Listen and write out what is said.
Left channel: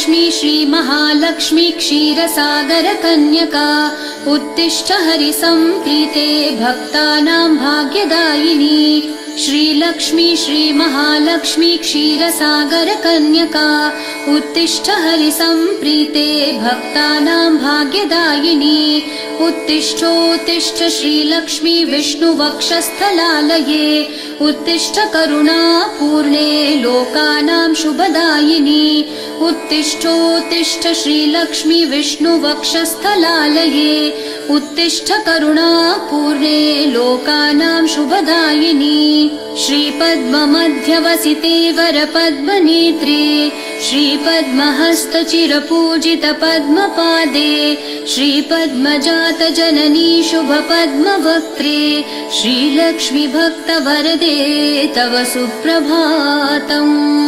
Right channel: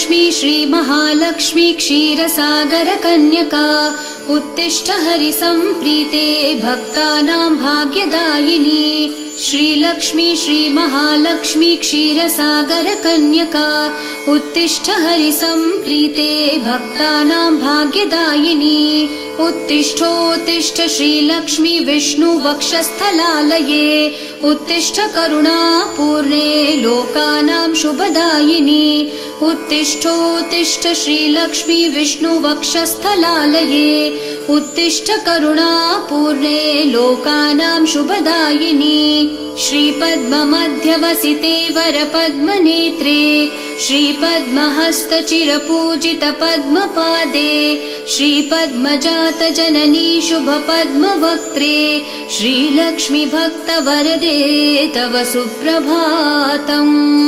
श्रीलक्ष्मी श्रीमहालक्ष्मी क्षीरसागर कन्यका उत्तिष्ठ हरिसम्प्रीते भक्तानां भाग्यदायिनी। श्रीलक्ष्मी श्रीमहालक्ष्मी क्षीरसागर कन्यका उत्तिष्ठ हरिसम्प्रीते भक्तानां भाग्यदायिनी। उत्तिष्ठोत्तिष्ठ श्रीलक्ष्मी विष्णुवक्षस्थलालये उत्तिष्ठ करुणापूर्णे लोकानां शुभदायिनी। उत्तिष्ठोत्तिष्ठ श्रीलक्ष्मी विष्णुवक्षस्थलालये उत्तिष्ठ करुणापूर्णे लोकानां शुभदायिनी। श्रीपद्ममध्यवसिते वरपद्मनेत्रे श्रीपद्महस्तचिरपूजित पद्मपादे श्रीपद्मजात जननी शुभपद्मवक्त्रे श्रीलक्ष्मी भक्तवरदे तव सुप्रभातम्।